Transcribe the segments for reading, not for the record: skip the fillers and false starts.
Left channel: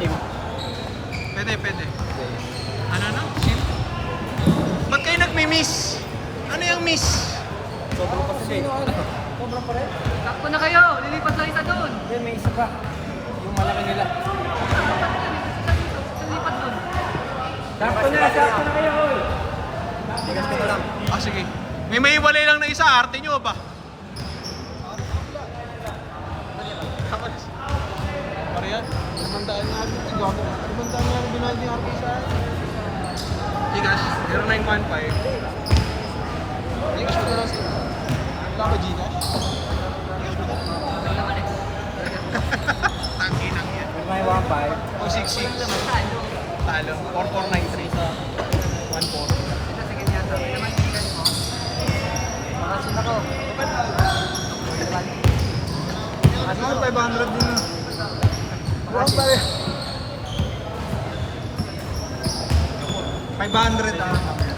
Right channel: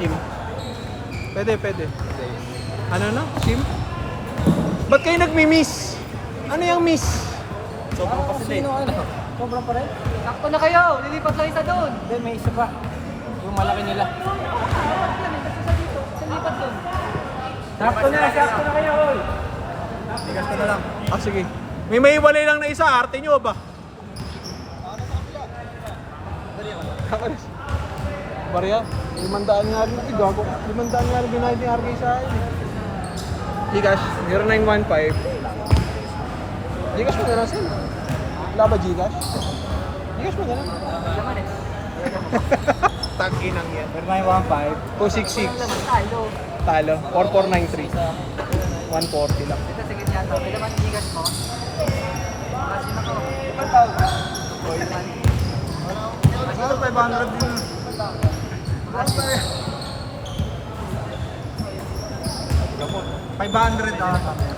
Pwede, pwede. Ano na? Sim? Ba't kayo nagmi-miss? Ano yung miss? Sobrang pa rin? Takbo na kayo! Lilipat lang isa doon! Hindi, may isa pa. Yung malaki nila. Lilipat doon. Sakto na kayo, oy! Tigas ka na lang. Ah, sige. May walay lang na isa, arte nyo ba? Maria, 500 nga rin ito. 500 nga rin binali ng arte sa akin. Gcash, 0915. Gcash mo na lang sila. Wala ba Gcash? Gcash mo na lang. Tangki na. 4915. 266. Talo. 4493. 140. Ano, 500 din na. Lang tayo. 500 kami.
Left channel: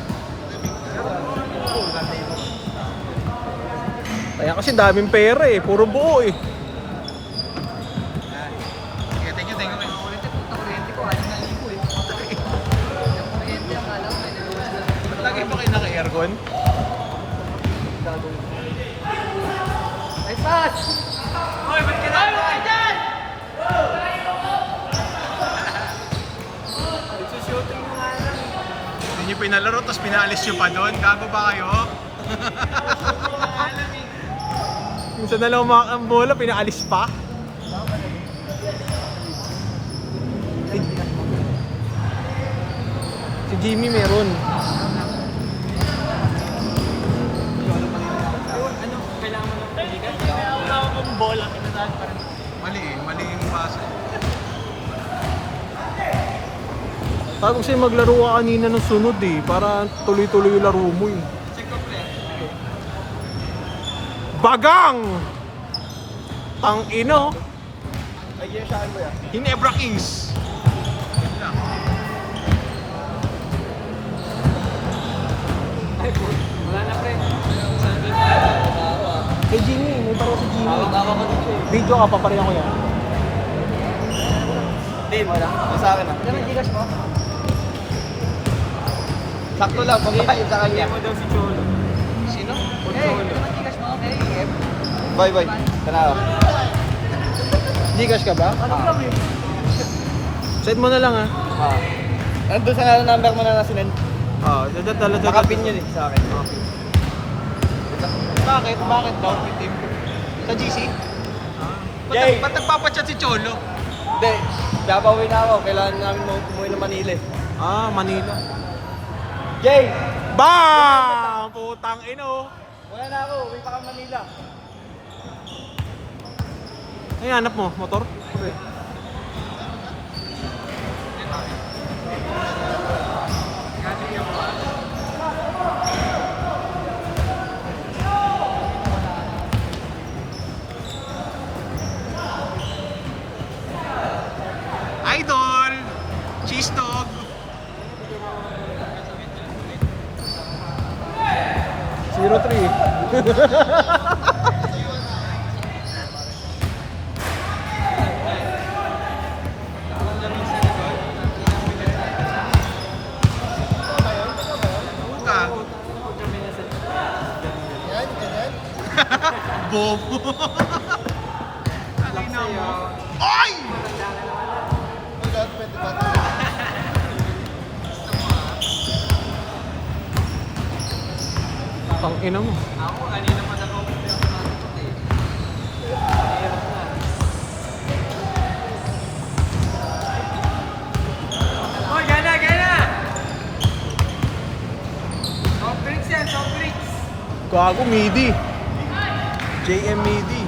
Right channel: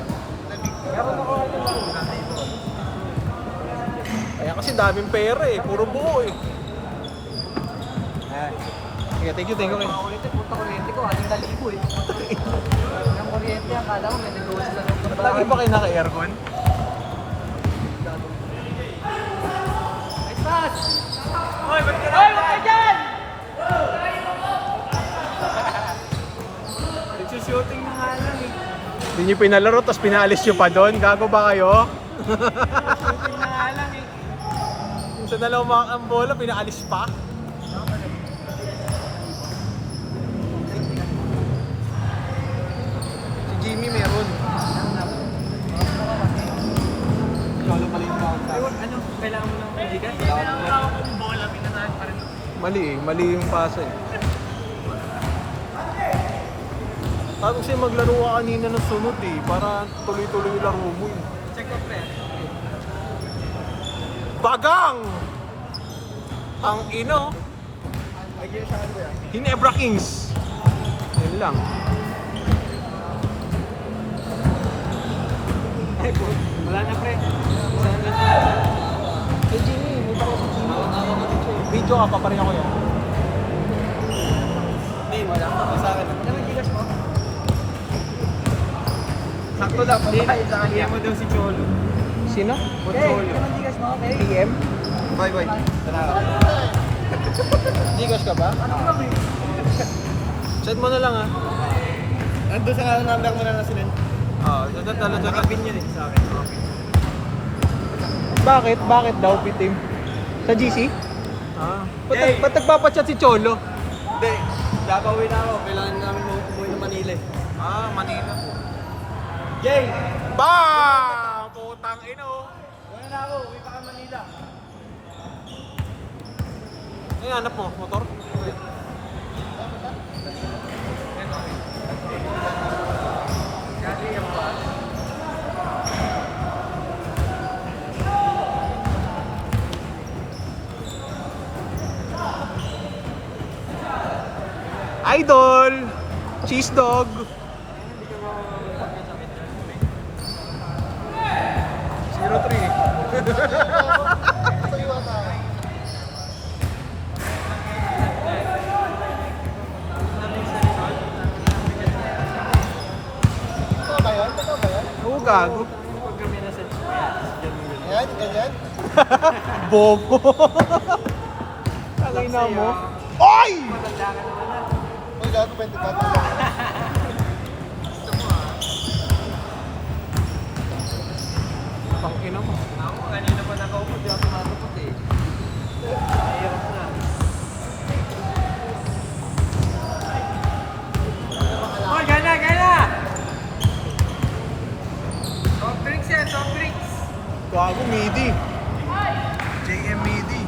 Kaya kasi daming pera eh, puro buo eh. Yeah, thank you. Punta kuryente ko, aling maligo eh. Kuryente ang kala ko. Ba't lagi ba kayo naka-aircon? Hoy, ba't ka na dyan? Shooting na nga lang eh. Hindi nyo pinalaro, tapos pinaalis nyo pa doon. Gago ba kayo? Gusto na lang ang bola, pinaalis pa. Si Jimmy meron. Mali yung pasa. Para kasi maglaro ka kanina ng sunod eh, para tuloy-tuloy yung laro mo eh. Check ko pre. Bagang! Tang-ino! Hinebra Kings! Yun lang. Wala na pre. Kay Jimmy, Tawa ko dito eh. video ka pa pareho. Din, sa akin ah. Sakto lang, pambayad sa kanya. Mo daw si Cholo. Sino? Okay. Bye. Gcash ka ba? Send mo na lang ha. Nandun sa number mo na nasinend. Dyan talaga. Nakapin yun eh sa akin. Bakit? Bakit daw pitim? Sa GC? Yeah. Ba't nagpapachat si Cholo? Hindi, napauwi na ako. Kailangan namin umuwi na Manila eh. Ah, Manila. Jay! Bang! Putang ino. Wala na ako, uwi pa ka Manila. Ano yung hanap mo? Motor? Idol! Cheese dog! Zero 3. Oo, gago. Bobo. Tangina mo. Oy! Ina mo. Ako, kanina pa nakaupo na ako. Uy, gana! Soft drinks yan, soft drinks. Gago, midi. JM midi.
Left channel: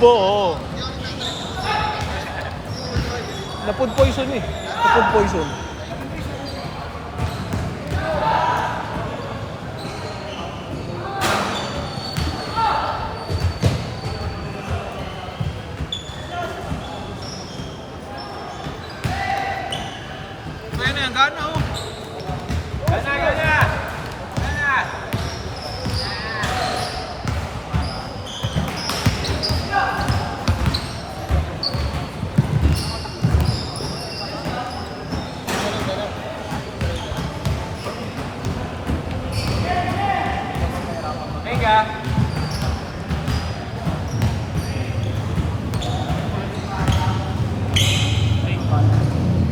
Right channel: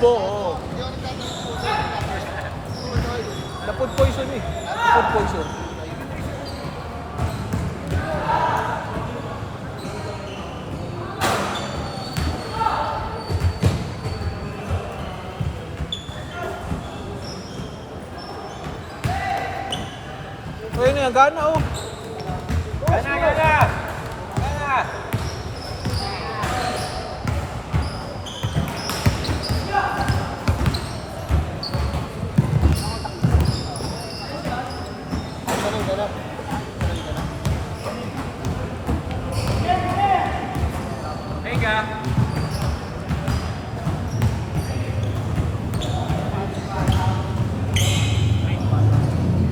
Tubo, oo. Ano, food poison eh. Food poison. So yun na yan, gana oh. Teka.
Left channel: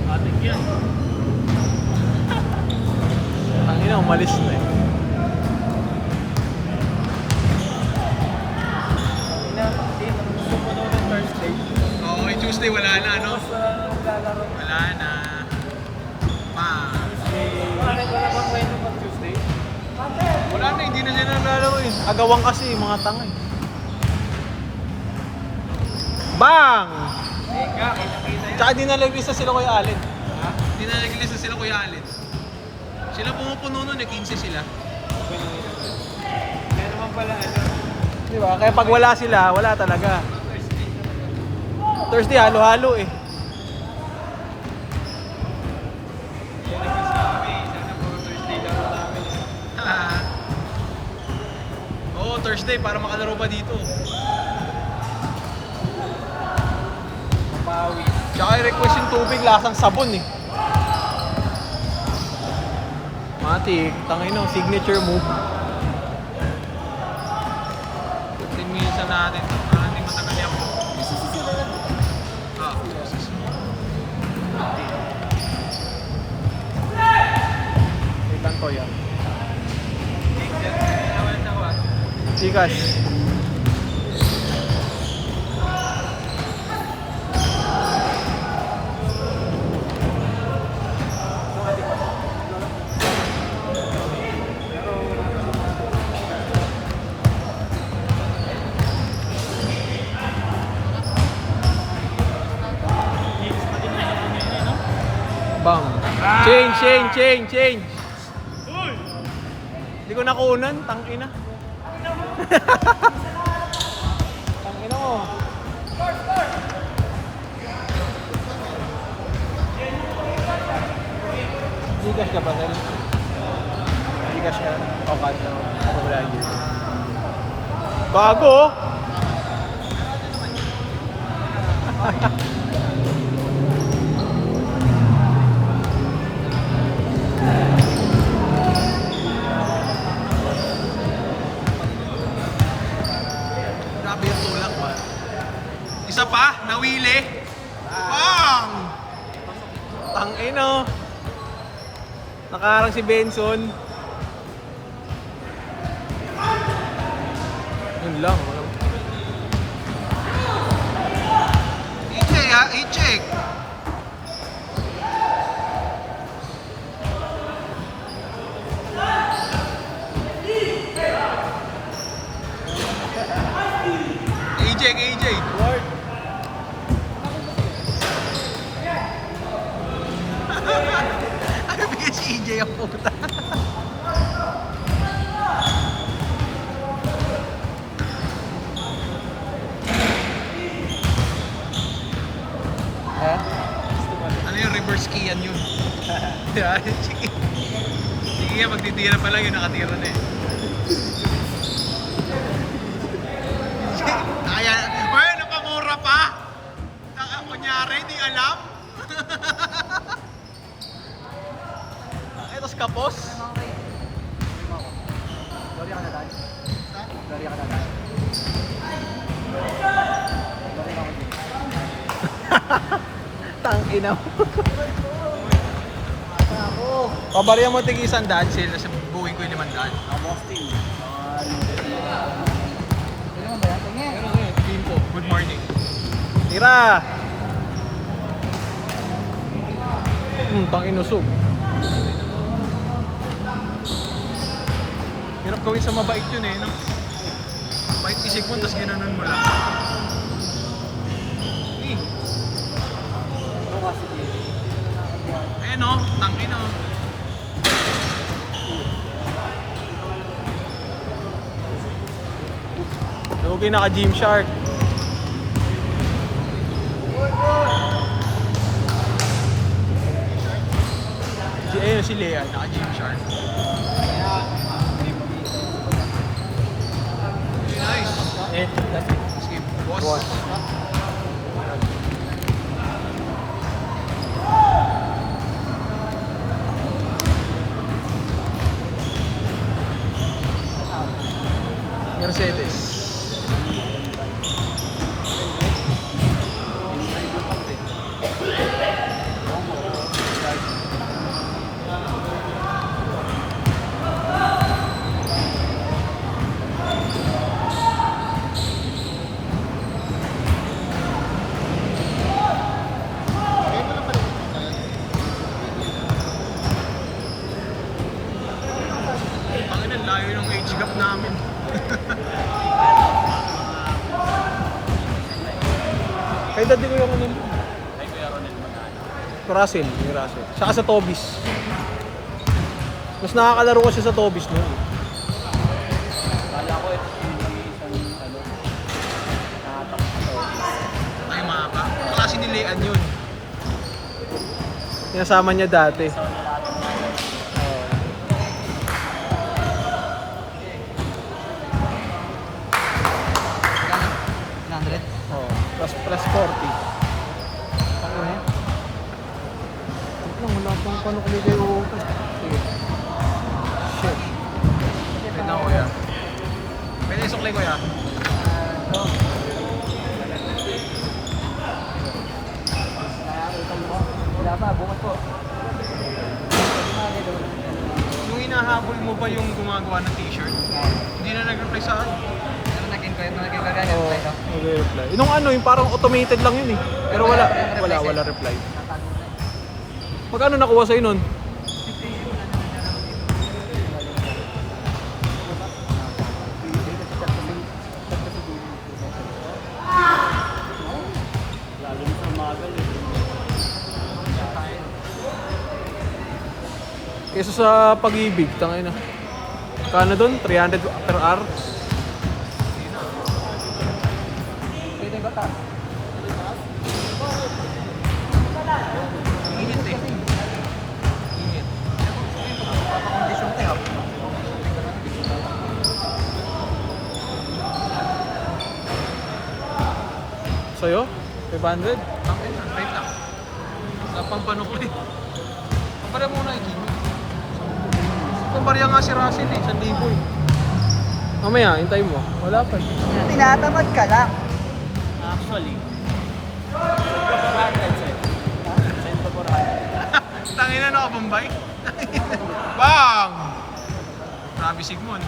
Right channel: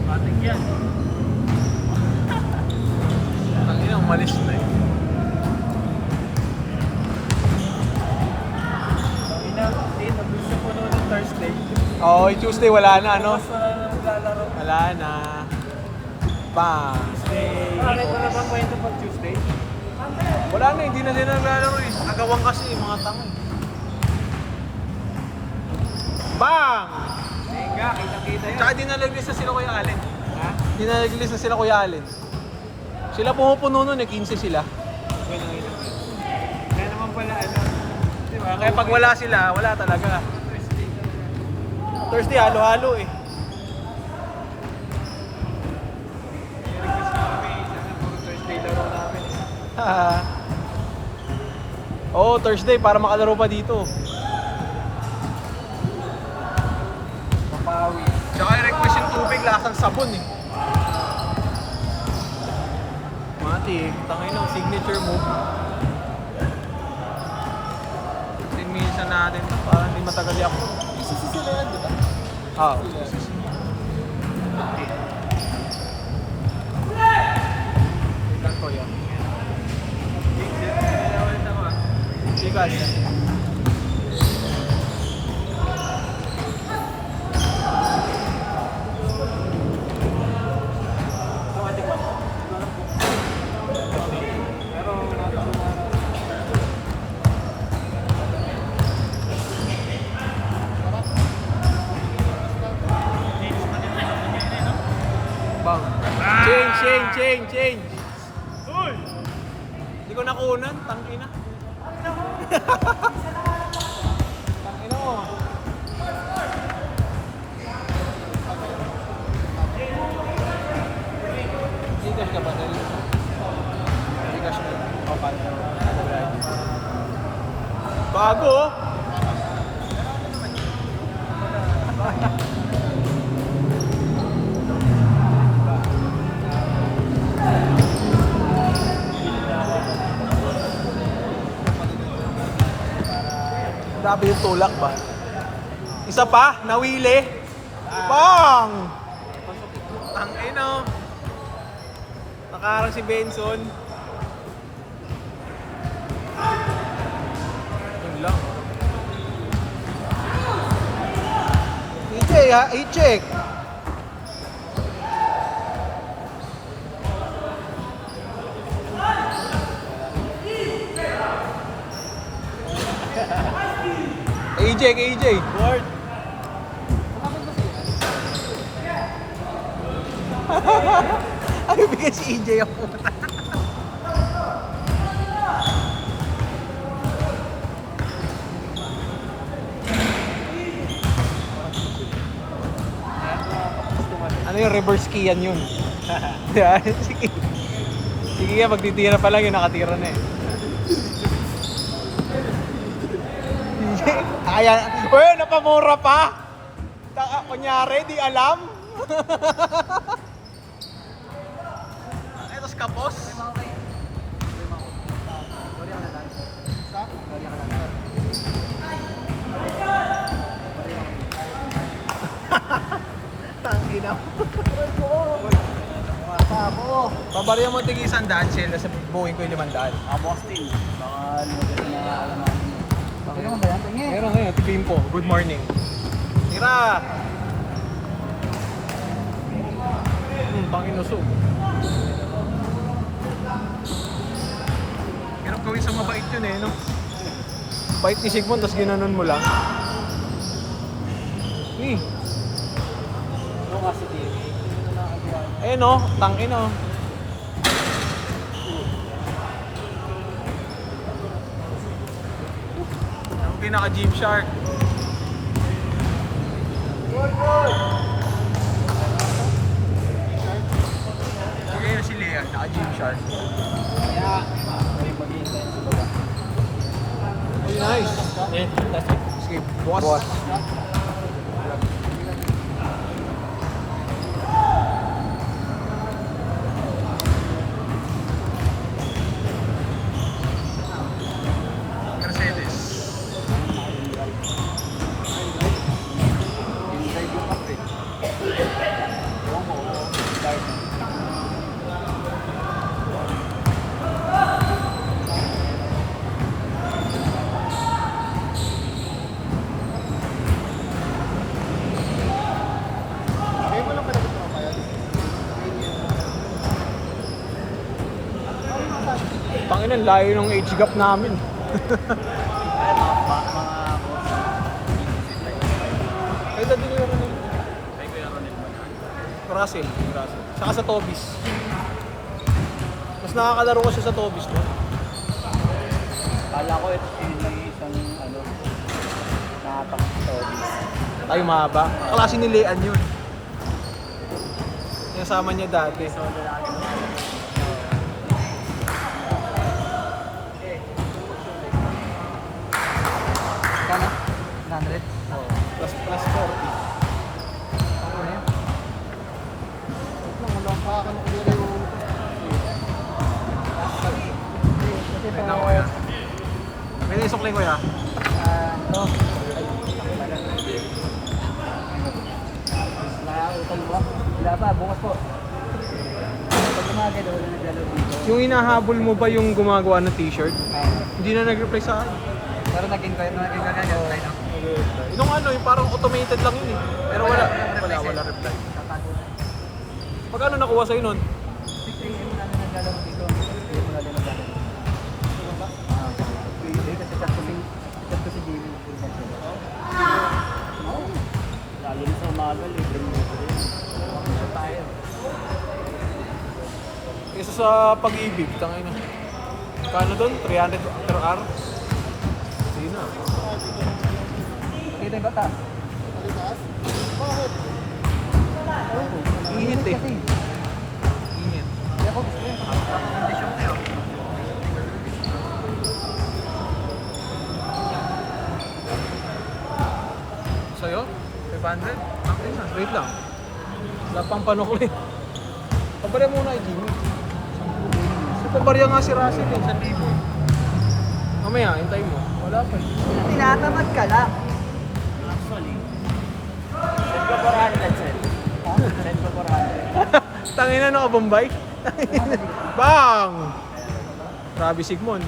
Atik yan. Hindi na umalis na eh. Oo, oh, Tuesday wala na ano? Wala na. Bang. Wala na, hindi na sila naglalaro eh. Agawang kasi mga tanga eh. Bang! Teka, kita-kita. Tsaka di nalaglisa sila Kuya Allen. Di nalaglisa sila Kuya Allen. Sila pumupuno nun eh, 15 sila. Diba? Kaya pag wala sila, wala talaga. Thursday, halo-halo eh. Oo, Thursday para makalaro pa dito. Tsaka i-request yung tubig lasang sabon eh. Mati, tangay ng signature move. 15 minutes na natin to para hindi matagal ako. Ah, Chikas. Change. Uy! Hindi ko nakunan, tangina. Bago. Grabe yung tulak ba? Isa pa, nawili. Bang! Tangay no. Nakaharang si Benson. Yun lang. EJ ha, i-check. AJ. Ano bigyan si EJ ang puta? Ano yung reverse key yan yun? Yan, sige. Sige yan, magtitira pa lang yun, nakatira na eh. Ayan, uy, napamura pa! Kunyari, di alam. Etos kapos. Tangina mo. Pabarihan mo tig 100 sila sa buuin ko yung 500. Meron ngayon, Pimpo. Good morning. Tira! Tangin usog. Hirap gawin sa mabait yun eh, no? Bait isip mo, tapos ginanon mo lang. Jimmy. Ayun o, tangin o. Lugi naka-Gymshark. Ayun si Lea, naka-Gymshark. Nice. That's it. Boss. Mercedes. Panginoon, layo ng age gap namin. Kaya din yung Russell. Saka sa Tobis. Mas nakakalaro ko siya sa Tobis. No? Ay, mahaba. Klase ni Lean yun. Pinasama niya dati. Plus 40. Wait lang kuya. May naisukli kuya. Yung hinahabol mo ba yung gumagawa ng t-shirt? Hindi na nag-reply sa akin. Pero naging kagaya mo kayo, no? Yung ano, yung parang automated lang yun eh. Pero wala pa yung reply sa'yo. Tatago na. Magkano nakuha sa'yo nun? Wala na naglalaro dito. Kesa sa pag-ibig, tangay na. Kano doon? 300 per hour? Sige na. Dito yung bata. Ingit eh. Ingit. Sa'yo? 500? Tangay na, wait lang. Wala pang ko eh. Pabara muna kay Jimmy. Pambarya nga si Russell eh, 1,000. Mamaya, hintay mo. Wala pa. Tinatamad ka lang. Actually, Tangin na nakabombay. Bang! Grabe Sigmund.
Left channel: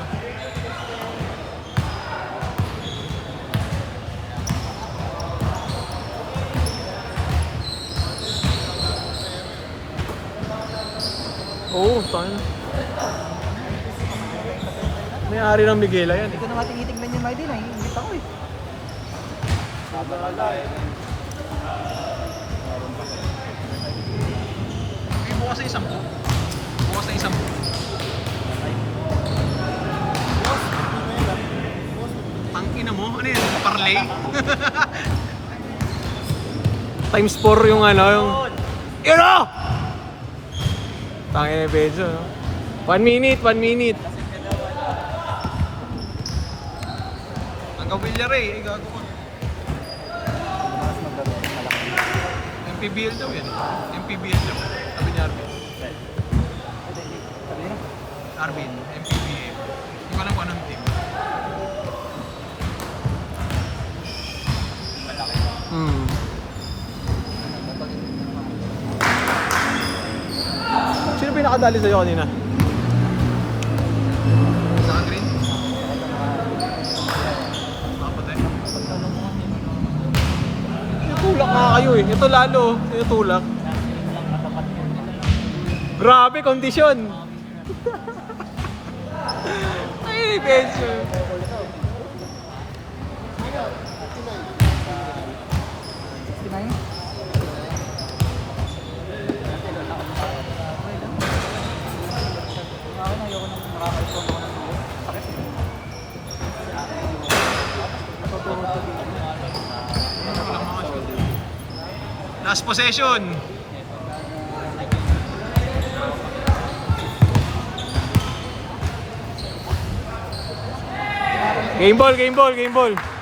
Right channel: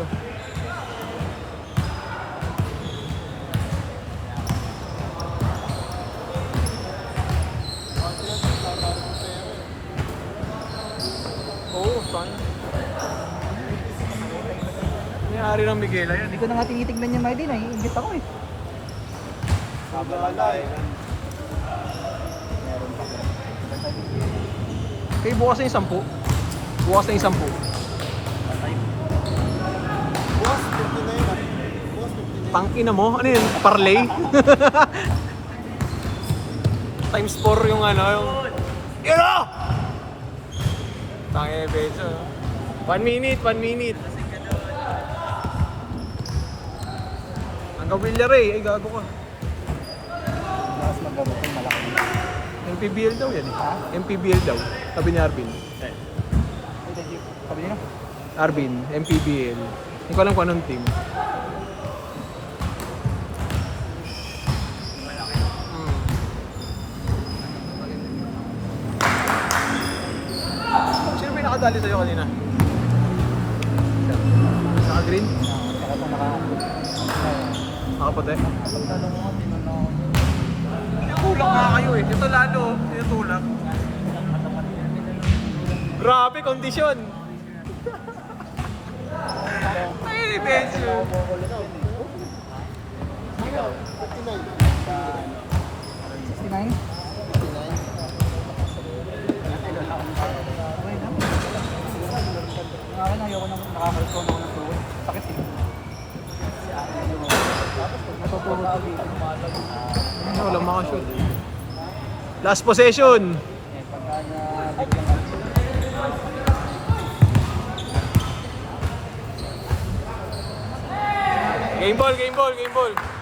Oo, tangin. May-ari ng Miguela yan Hindi eh. ko na nga tinitignan yung ID na. Ingit ako eh. Eh, bukas na yung 10. Bukas na yung 10. Tangina mo? Ano yun? Parlay? Times 4 yung ano yung... Yun o! Tangina yung peso. 1 minute, 1 minute. Hanggang Villaray, ay gago ka. MPBL daw yan. MPBL daw. Sabi ni Arvin. Arvin, MPBL. Hindi ko alam kung anong team. Sino pinakadali sa'yo kanina? Naka-green? Nakaputi? Tinutulak nga kayo eh. Ito lalo, tinutulak. Grabe kondisyon. Ay, beso. makashoot. Last possession. Game ball, game ball, game ball.